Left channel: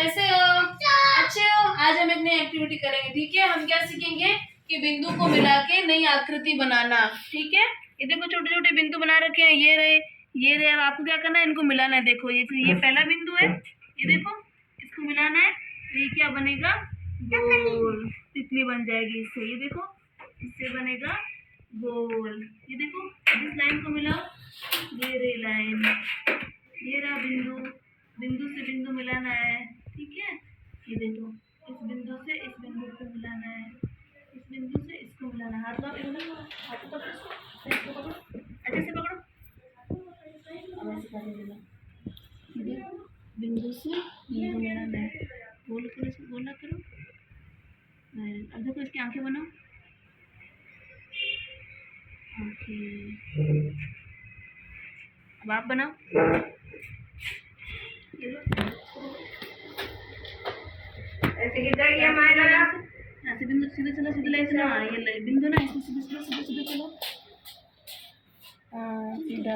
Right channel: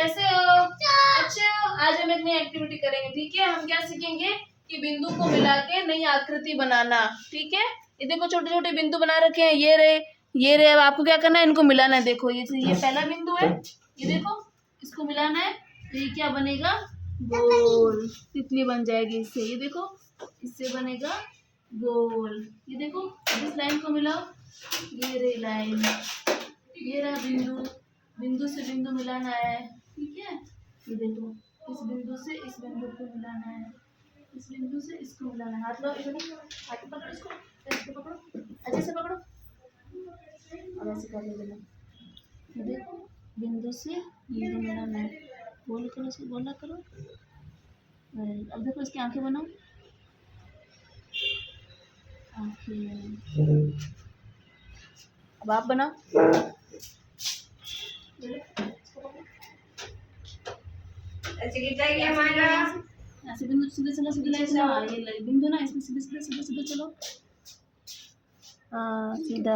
कैसे हो? अच्छे हो? आज हम एक नई एक्टिविटी करेंगे, ठीक है। हम क्या सीखेंगे कि बिंदु को मिला के नई आकृति बनाना, ठीक है। ये देखो छोटे छोटे बिंदु बना रखे हैं, ये रहे ये रहे। अब आपको क्या करना है, इनको मिलाना है। देखो ये पहला बिंदु है, ये देखो इसको मिलाना है तो ये क्या बनेगा, गोल तितली बन जाएगी इससे। ये देखो इससे बनेगा गोल। ये देखो इस लाइन को मिलाओ, ये रही लाइन, ये रहा बिंदु। बिंदु से बिंदु मिलाना है, ठीक है। ये देखो इस बिंदु से इस बिंदु को मिलाना है, इस बिंदु से इसको मिलाना है। हाथ लगाओ, हाथ पकड़ो इसको पकड़ो, अच्छे से पकड़ो। अब ऐसे कर देना, ये देखो बिंदु से बिंदु मिलाना है। गोल करो, इसको गोला करो। अब देखो इसकी आंखें बनाओ, आंखें। अब आप बनाओ, ऐसे गिर जाएगी हमारा। ऐसे बिंदु सीधे चलो, सीधे लाइन चलो। हाँ ये सीधे ना, इसमें सीधे सीधे सीधे सीधे चलो। हाँ सीधा।